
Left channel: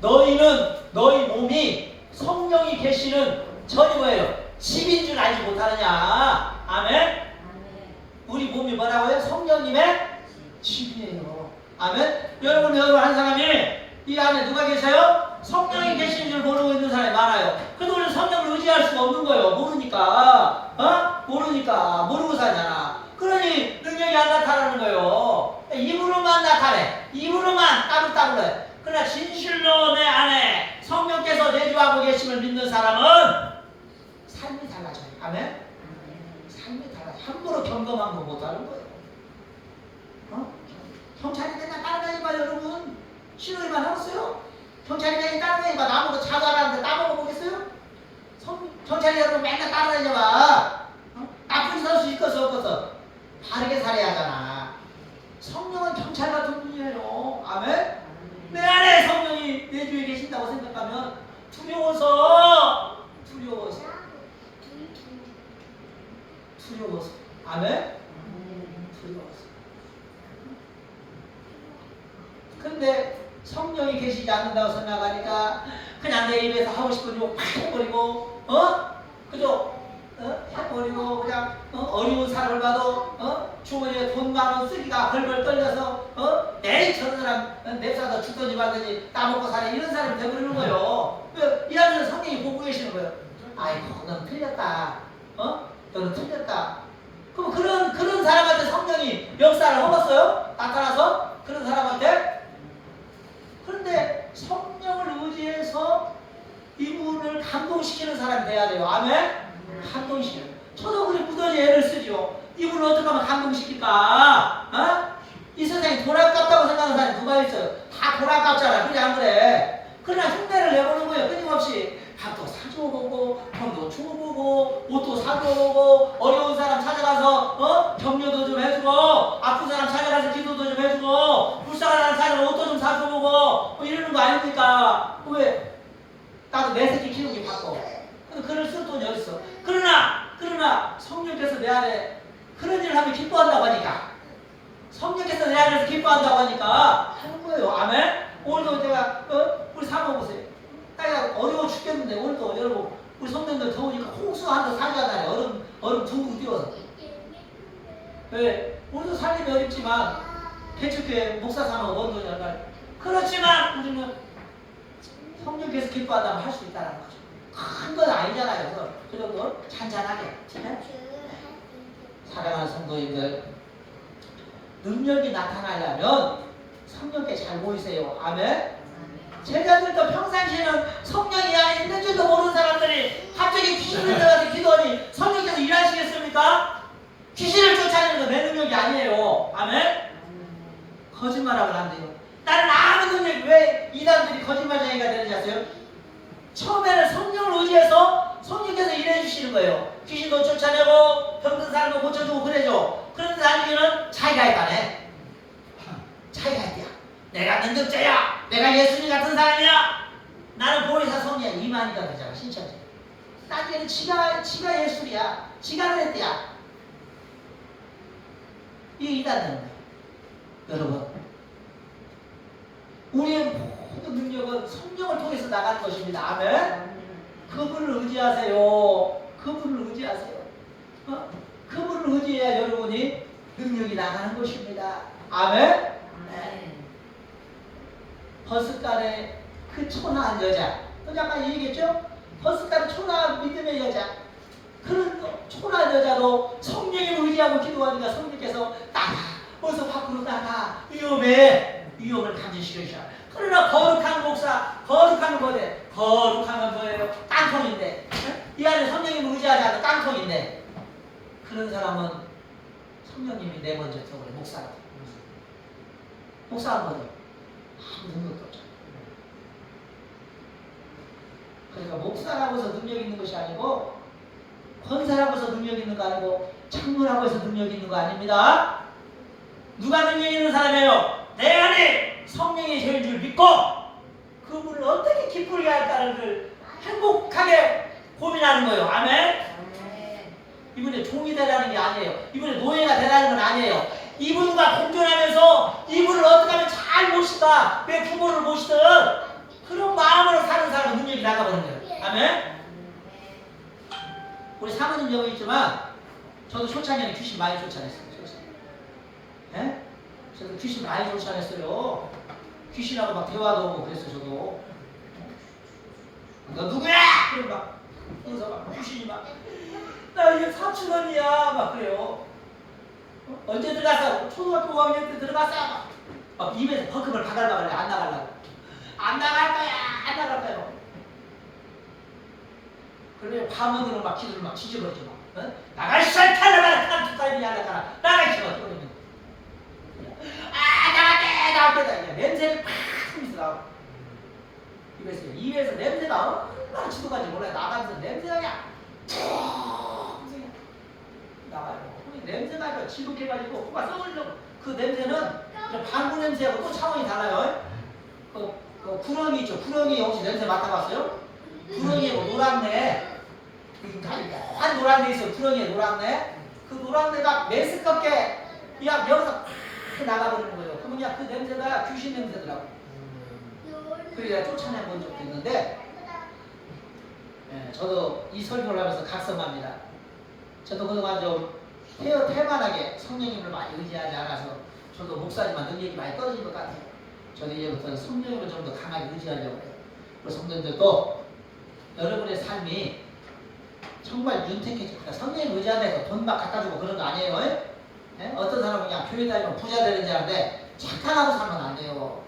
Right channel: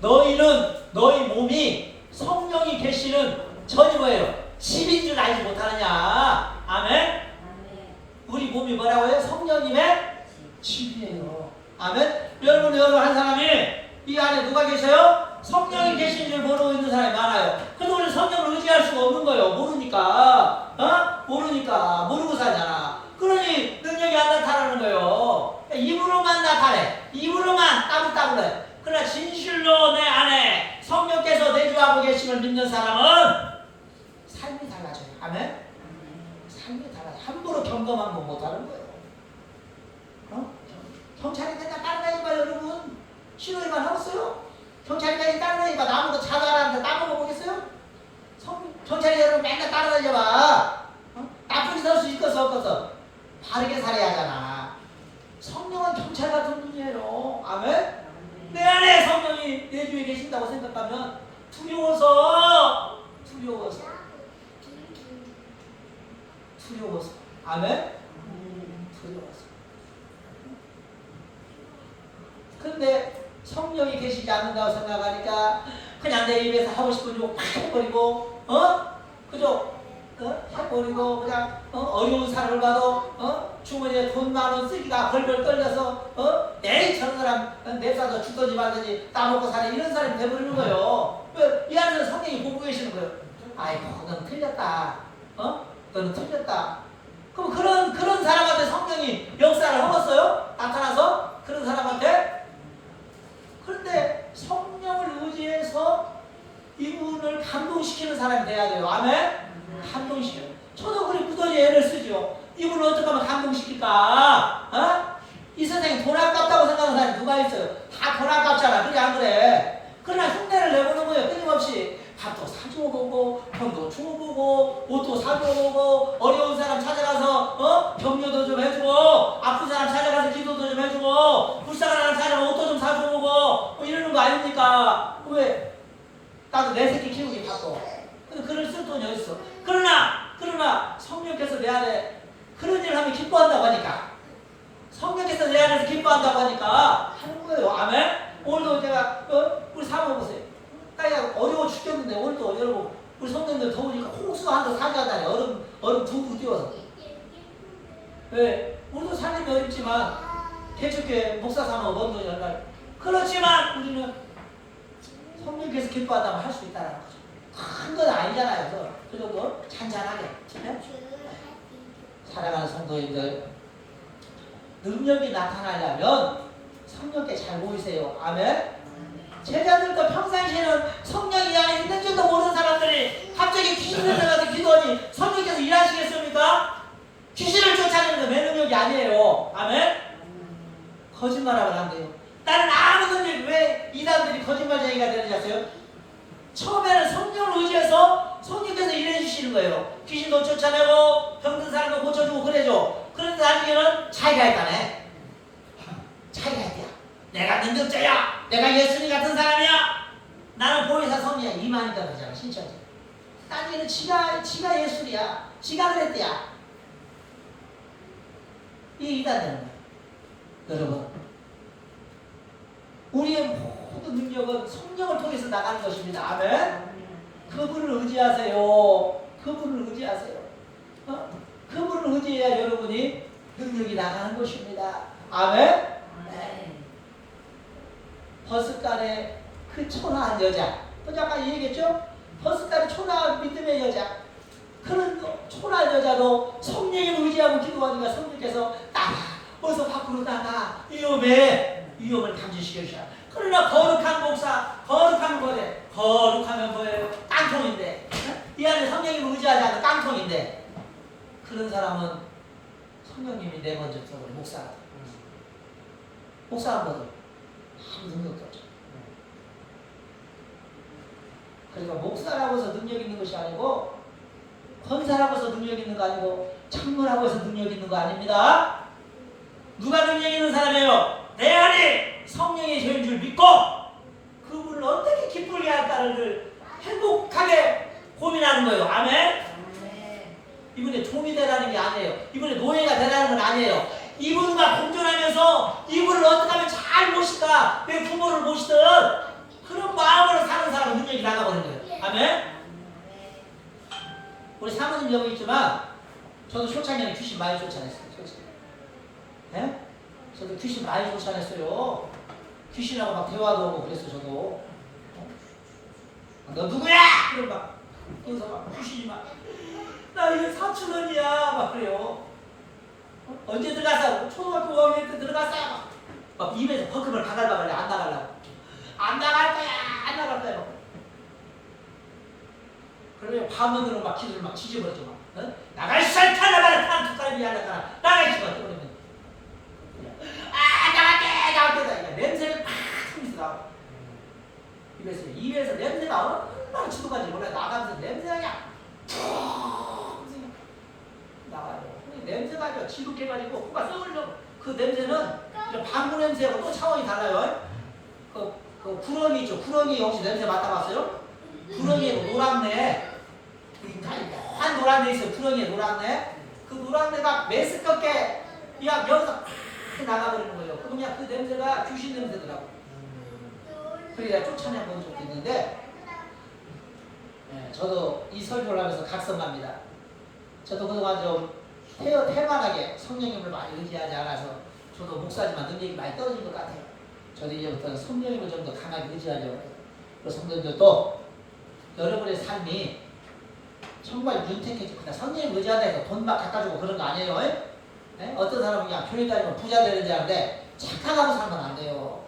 너희 몸이 성령이 계시는 전이 뭐예요? 집인 줄 알지 못하느냐. 아멘? 우리 몸이 뭐라고요? 성령님의 집이에요. 아멘? 여러분 한 사람이 이 안에 누가 계셔요? 성령이 계신 줄 모르고 있는 사람이 많아요. 그래서 우리는 성령을 의지할 수가 없는 거예요. 모르니까. 모르고 사잖아. 그러니 능력이 안 나타나는 거예요. 입으로만 나타내. 입으로만 따블따블해. 그러나 진실로 내 안에 성령께서 내주하고 계심을 믿는 사람은 삶이 달라져요. 아멘? 삶이 달라져요. 함부로 경험한 거 못하는 거예요. 경찰이 맨날 따라다니봐 여러분. 신호위반 하겠어요? 경찰이 맨날 따라다니봐 나보고 자살하는데 나보고 보겠어요? 경찰이 여러분 맨날 따라다니봐. 나쁜 짓 할 수 있겠어 없겠어? 바르게 살아야 하잖아. 성령은 경찰 같은 분이에요. 아멘? 내 안에 성령이 내 주위에 계신다고 생각하면 두려워서 아멘? 두려워서. 근데 성령이 계시지 않는다고 생각하니까 그냥 내 입에서 하고 싶은 욕 팍 해버리고 그죠? 해버리고 그냥 어려운 사람을 봐도 주머니에 돈 많은 쓰기가 벌벌 떨려서 내일 저런 사람 냅사서 죽든지 말든지 따먹고 사네 이런 사람이 돼버리는 거예요. 이 안에서 성령이 보고 계시는 거예요. 아이고 너는 틀렸다. 너는 틀렸다. 그럼 그런 사람한테 성령이 역사를 하겠어요? 나타나서 그런 사람한테. 그런데 성령을 의지해서 이분을 감동시키는 사람이 돼야 돼요. 아멘? 감동시켜요. 저도 그래 무더지 애를 쓰죠. 이분을 어떻게 하면 감동시킬까? 이 세상에 돈 아깝다고 생각하는 사람이 누가 있어요? 다 돈 아깝잖아. 그래 안 그래? 그러나 흉내를 내보는 거예요. 끊임없이. 밥도 사줘보고 돈도 줘보고 옷도 사줘보고 어려운 사람 찾아가서 격려도 좀 해주고 아픈 사람 찾아가서 기도도 좀 해주고 불쌍한 사람 찾아가서 옷도 좀 사줘보고 이러는 거 아닙니까? 왜? 나도 내 새끼 키우기 바빠. 근데 그럴 쓸 돈이 어딨어. 그러나 성령께서 내 안에 그런 일을 하면 기뻐한다고 하니까 성령께서 내 안에서 기뻐한다고 하니까 하는 거예요. 아멘? 오늘도 제가 우리 사모 보세요. 딸이 어려워 죽겠는데 오늘도 여러분 우리 성도님들 더우니까 홍수 한도 사자잖아요. 얼음 둥둥 띄워서. 왜? 우리도 살림이 어렵지만 개척교회 목사 사모 원도 정말 그렇지만 우리는 성령께서 기뻐한다면 할 수 있다는 거죠. 큰 건 아니잖아요. 그 정도 잔잔하게. 네? 사랑하는 성도님들 능력이 나타나려면 성령께 잘 모이세요. 아멘? 제자들도 평상시에는 성령이 안에 있는 줄도 모르는 사람들이 갑자기 귀신을 들어가서 기도하니 성령께서 일하시겠습니까? 귀신을 쫓아내는 건 내 능력이 아니에요. 아멘? 거짓말하면 안 돼요. 나는 아무 능력이 왜 이단들이 거짓말쟁이가 되는지 아세요? 처음에는 성령을 의지해서 성령께서 일해주시는 거예요. 귀신도 쫓아내고 병든 사람도 고쳐주고 그래줘. 그런데 나중에는 자기가 했다네. 자기가 했대요. 내가 능력자야. 내가 예수님 같은 사람이야. 나는 보혜사 성리야. 이만이다 그러잖아. 신천지. 나중에는 지가 예술이야. 지가 그랬대야. 이게 이단되는 거예요. 여러분, 우리의 모든 능력은 성령을 통해서 나가는 것입니다. 아멘. 그분을 의지하세요. 그분을 의지하세요. 그분을 의지해야 여러분이 능력이 나가는 것입니다. 아멘. 버스간의 그 초라한 여자, 또 잠깐 얘기했죠? 버스간의 초라한 믿음의 여자, 그런 초라한 여자도 성령을 의지하고 기도하니까 성령께서 나가, 어서 밖으로 나가, 위험을 감지시켜주셔. 그러나 거룩한 목사, 거룩한 거대, 거룩하면 뭐예요? 깡통인데, 이 안에 성령님을 의지하지 않는 깡통인데, 그런 사람은 성령님이 내번져 들어버려. 목사 한 번도 아무 능력도 없죠. 그러니까 목사라고 해서 능력 있는 것이 아니고, 권사라고 해서 능력 있는 거 아니고, 장로라고 해서 능력 있는 거 아닙니다. 누가 능력 있는 사람이에요? 내 안에 성령의 계신 줄 믿고 그분을 어떻게 기쁘게 할까를 행복하게 고민하는 거예요. 아멘. 이분의 종이 되라는 게 아니에요. 이분의 노예가 되라는 건 아니에요. 이분과 공존하면서 이분을 어떻게 하면 잘 모실까, 내 부모를 모시든 그런 마음으로 사는 사람은 능력이 나가버린 거예요. 아멘. 우리 사모님 여기 있지만 저도 초창기에 귀신 많이 쫓아냈어요. 예? 저도 귀신 많이 쫓아냈어요. 귀신하고 막 대화도 하고 그랬어. 저도 너 누구야? 그래 막 그래서 막 귀신이 막 나 이거 사촌원이야 막 그래요. 언제 들어갔어? 초등학교 5학년 때 들어갔어. 막 입에서 버금을 박으려고 그래. 안 나갈 거야. 그러면 밤원으로 막 기도를 막 지져버리죠. 막 나가 이 설탕을 툭가리비 하나가 나가 이 집어 그러면 나갈게 냄새를 팍 흘리면서 나와. 입에서 냄새가 얼마나 지도간지 몰라요. 나가면서 냄새가 나가요. 냄새가 지독해가지고 코가 썩으려고. 그 냄새는 방구 냄새하고 또 차원이 달라요. 그 구렁이 있죠. 구렁이 혹시 냄새 맡아봤어요? 구렁이에 뭐 노랑내, 한 노랑내 있어요. 구렁이에 노랑내. 그 노랑내가 메스껍게 그냥 여기서 팍 나가버리는 거예요. 그냥 그 냄새가 귀신 냄새더라고. 그래야 쫓아내 본 적도 있는데, 저도 이 설교를 하면서 각성합니다. 저도 그동안 좀 태만하게 성령님을 많이 의지하지 않아서 저도 목사님만 능력이 많이 떨어진 것 같아요. 저도 이제부터는 성령님을 좀 더 강하게 의지하려고 해요. 그리고 성도님들도 여러분의 삶이 정말 윤택해집니다. 성령님 의지한다 해서 돈 막 갖다 주고 그런 거 아니에요. 어떤 사람은 그냥 교회 다니면 부자 되는 줄 아는데 착각하고 살면 안 돼요.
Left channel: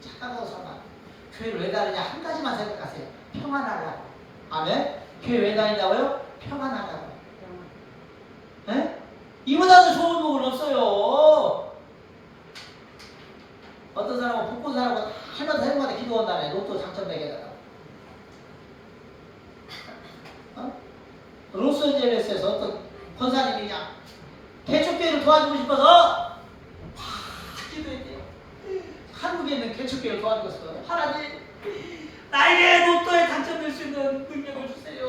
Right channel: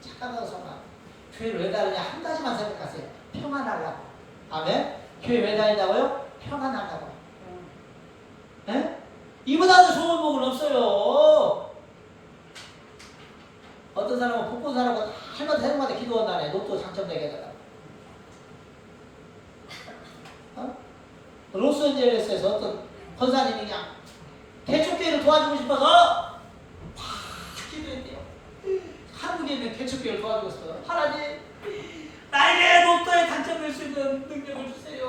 착각하고 살면 안 돼요. 교회를 왜 다니냐 한 가지만 생각하세요. 평안하려고. 아멘? 교회 왜 다닌다고요? 평안하려고. 이보다도 좋은 복은 없어요. 어떤 사람은 복권 사라고 할만 되는 것마다 기도한다네. 로또 당첨되게 해달라고. 로스앤젤레스에서 어떤 권사님이 그냥 개척교회를 도와주고 싶어서 막 기도했대요. 한국에 있는 개척교회를 도와주고 싶어서 하나님 나에게 로또에 당첨될 수 있는 능력을 주세요.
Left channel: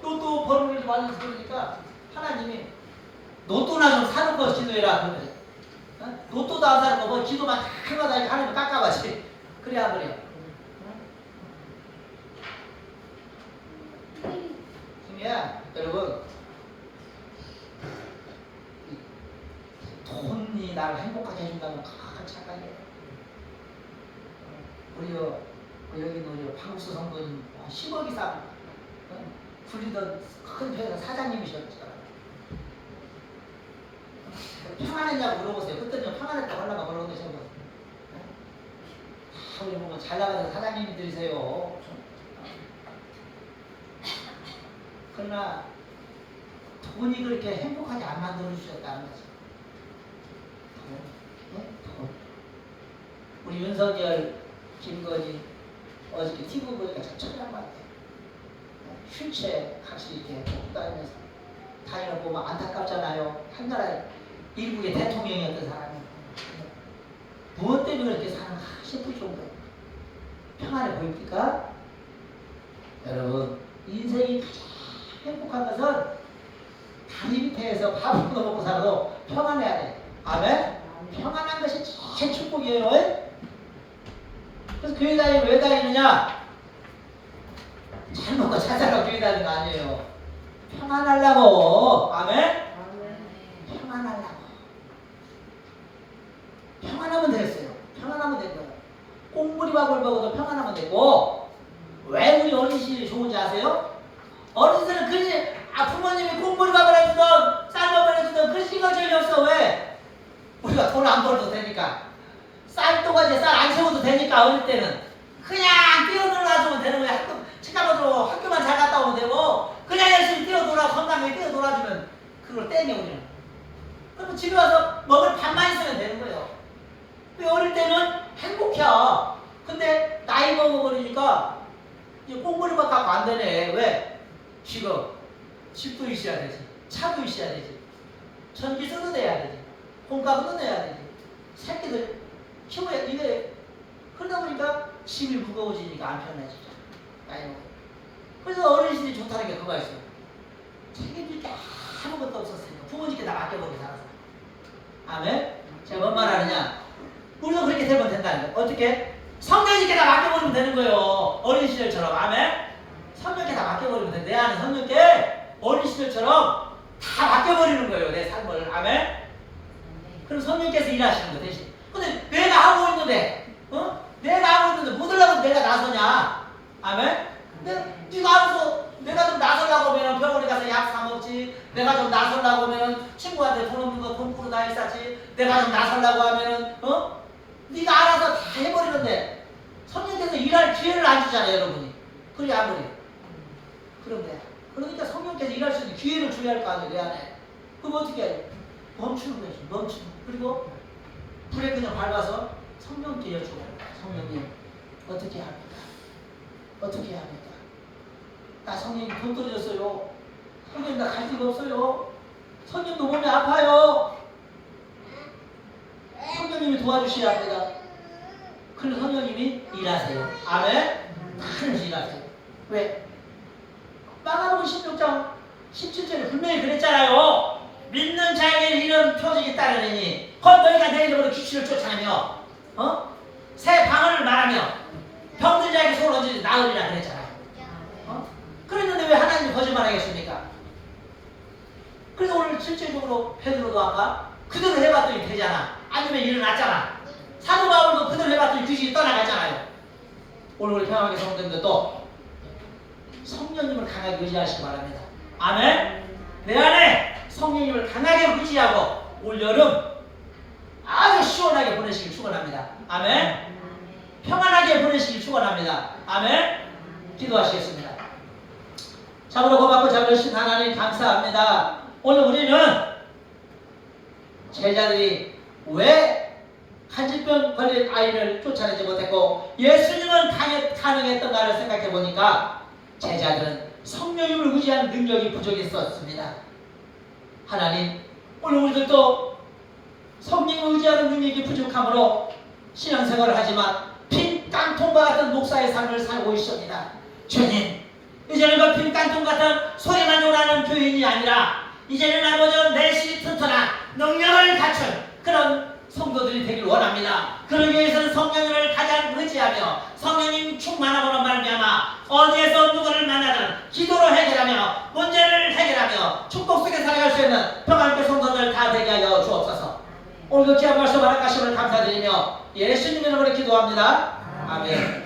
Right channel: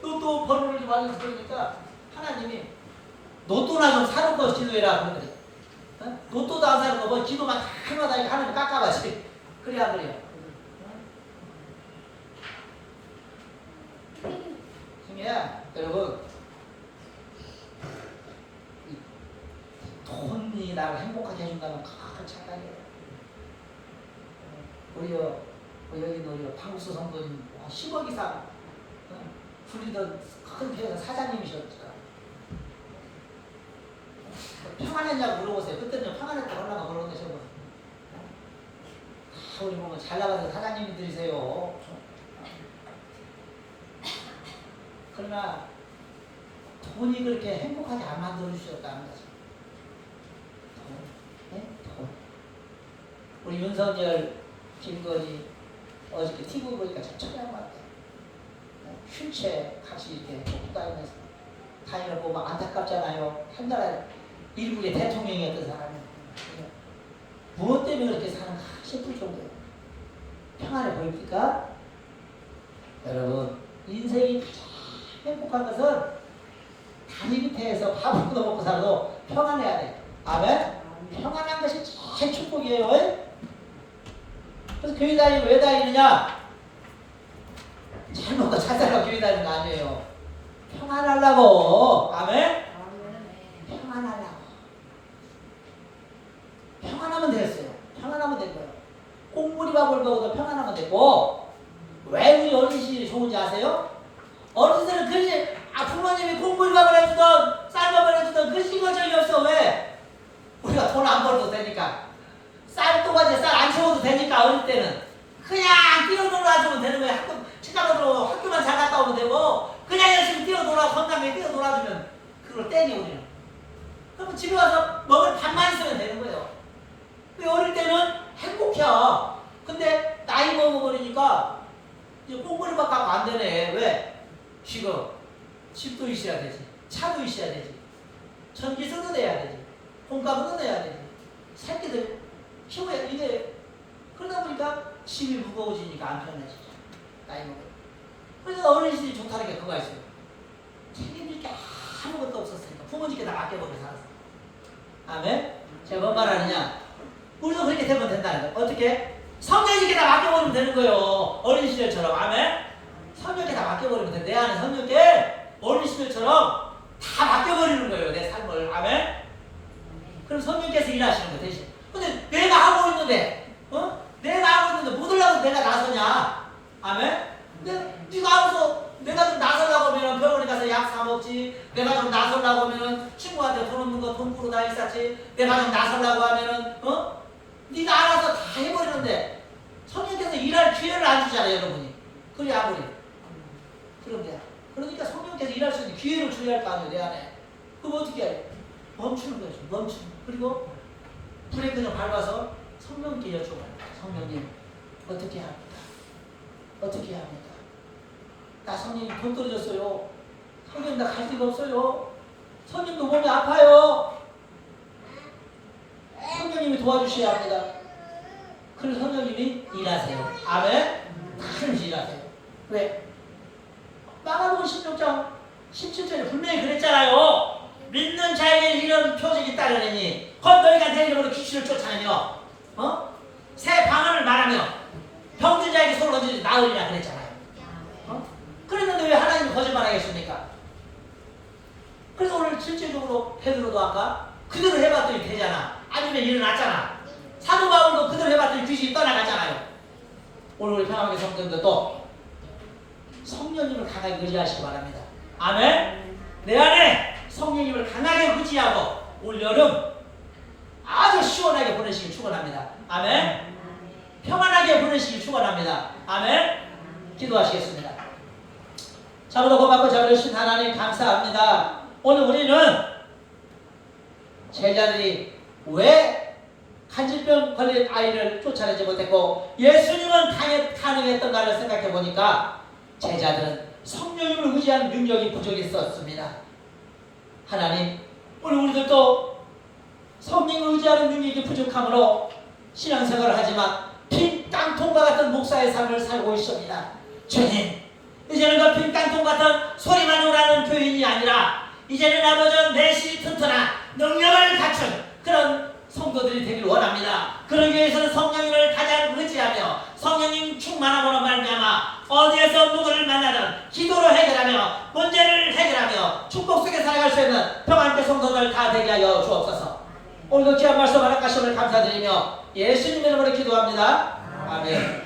로또 번호를 좀 알려서 그러니까 하나님이 로또나 좀 사놓고 기도해라 그러더래. 로또도 안 사는 거 뭐 기도만 해마다 하나님 깎아가지. 그래야 그래요. 중요해. 여러분, 돈이 나를 행복하게 해준다는 큰 착각이에요. 우리 여기 우리 방국수 성도님 10억 이상 불리던 큰 회사 사장님이셨죠. 평안했냐고 물어보세요. 그때는 평안했다고 하려고 물어보는데 제가 우리 보면 잘 나가는 사장님들이세요. 그러나 돈이 그렇게 행복하게 안 만들어 주셨다는 거죠. 돈. 우리 윤석열, 김건희 어저께 TV 보니까 참 처리한 것 같아요. 휠체어 같이 이렇게 뽑고 다니면서 다니는 거 보면 안타깝잖아요. 한 나라 일국의 대통령이었던 사람이 무엇 때문에 그렇게 사는가 싶을 정도예요. 평안해 보입니까? 여러분, 인생이 가장 행복한 것은 다리 밑에서 밥을 먹고 살아도 평안해야 돼. 아멘. 평안한 것이 제일 축복이에요. 그래서 교회 다니면 왜 다니느냐? 잘 먹고 잘 살라고 교회 다니는 거 아니에요. 평안하려고. 아멘. 평안하려고. 평안하면 되겠어요. 평안하면 될 거예요. 꽁무니밥을 먹어도 평안하면 되고. 왜 우리 어르신이 좋은지 아세요? 어르신들은 그지 부모님이 꽁무니밥을 해주던 쌀밥을 해주던 그 신경전이 없어. 왜? 우리가 돈 안 벌어도 되니까. 쌀또가지 쌀 안 채워도 되니까. 어릴 때는 그냥 뛰어놀아주면 되는 거야. 친구들로 학교만 잘 갔다 오면 되고 그냥 열심히 뛰어놀아 건강하게 뛰어놀아주면 그걸 땡겨 우리는. 그러면 집에 와서 먹을 밥만 있으면 되는 거예요. 어릴 때는 행복해. 근데 나이 먹어버리니까 이제 꽁무니밥 갖고 안 되네. 왜? 지금 집도 있어야 되지, 차도 있어야 되지, 전기세도 내야 되지, 공과금도 내야 되지, 새끼들 키워야 이래. 그러다 보니까 짐이 무거워지니까 안 편해지죠. 나이 먹고. 그래서 어르신이 좋다는 게 그거가 있어요. 책임질 게 아무것도 없었으니까 부모님께 다 맡겨보고 살았어요. 아멘? 제가 뭔 말 하느냐? 우리도 그렇게 되면 된다는 거예요. 어떻게? 성령님께 다 맡겨버리면 되는 거예요. 어린 시절처럼. 아멘? 성령께 다 맡겨버리면 돼. 내 안에 성령께 어린 시절처럼 다 맡겨버리는 거예요. 내 삶을. 아멘? 그럼 성령께서 일하시는 거 대신. 근데 내가 하고 있는데, 내가 하고 있는데 못 하려고 내가 나서냐? 아멘? 근데 네가 알아서 내가 좀 나서려고 하면 병원에 가서 약 사 먹지. 내가 좀 나서려고 하면 친구한테 돈 없는 거 돈 꾸러 다니 쌌지. 내가 좀 나서려고 하면은 네가 알아서 다 해버리는데 성령께서 일할 기회를 안 주잖아요, 여러분이. 그래 아무리. 그런데 그러니까 성령께서 일할 수 있는 기회를 줘야 할 거 아니에요, 내 안에. 그럼 어떻게 해요? 멈추는 거죠. 멈추는. 그리고 브레이크 좀 밟아서 성령께 여쭤봐요. 성령님 어떻게 합니까? 어떻게 해야 합니까? 나 성령님 돈 떨어졌어요. 성령님 나 갈 데가 없어요. 성령님도 몸이 아파요. 성령님이 도와주셔야 합니다. 그래서 성령님이 일하세요. 아멘? 다른 일하세요. 왜? 마가복음 16장 17절에 분명히 그랬잖아요. 믿는 자에게 이런 표적이 따르니 곧 너희가 내 이름으로 귀신을 쫓아내며 새 방언을 말하며 병든 자에게 손을 얹으니 나으리라 그랬잖아요. 그랬는데 왜 하나님이 거짓말하겠습니까? 그래서 오늘 실제적으로 베드로도 아까 그대로 해봤더니 되잖아. 아니면 일어났잖아. 사도 바울도 그대로 해봤더니 귀신이 떠나가잖아요. 오늘 우리 평안교 성도님들도 성령님을 강하게 의지하시기 바랍니다. 아멘. 내 안에 성령님을 강하게 의지하고 올 여름 아주 시원하게 보내시길 축원합니다. 아멘. 평안하게 보내시길 축원합니다. 아멘. 기도하시겠습니다. 자부로 고맙고 자부르신 하나님 감사합니다. 오늘 우리는 제자들이 왜 간질병 걸린 아이를 쫓아내지 못했고 예수님은 가능했던가를 생각해 보니까 제자들은 성령님을 의지하는 능력이 부족했었습니다. 하나님, 오늘 우리들도 성령을 의지하는 능력이 부족함으로 신앙생활을 하지만 빈 깡통과 같은 목사의 삶을 살고 있습니다. 주님, 이제는 그 빈 깡통 같은 소리만 요라는 교인이 아니라 이제는 아버지 내실이 튼튼한 능력을 갖춘 그런 성도들이 되길 원합니다. 그러기 위해서는 성령님을 가장 의지하며 성령님 충만함으로 말미암아 어디에서 누구를 만나든 기도로 해결하며 문제를 해결하며 축복 속에 살아갈 수 있는 평안교 성도들 다 되게 하여 주옵소서. 오늘도 귀한 말씀 하나님을 감사드리며 예수님 이름으로 기도합니다. 아멘.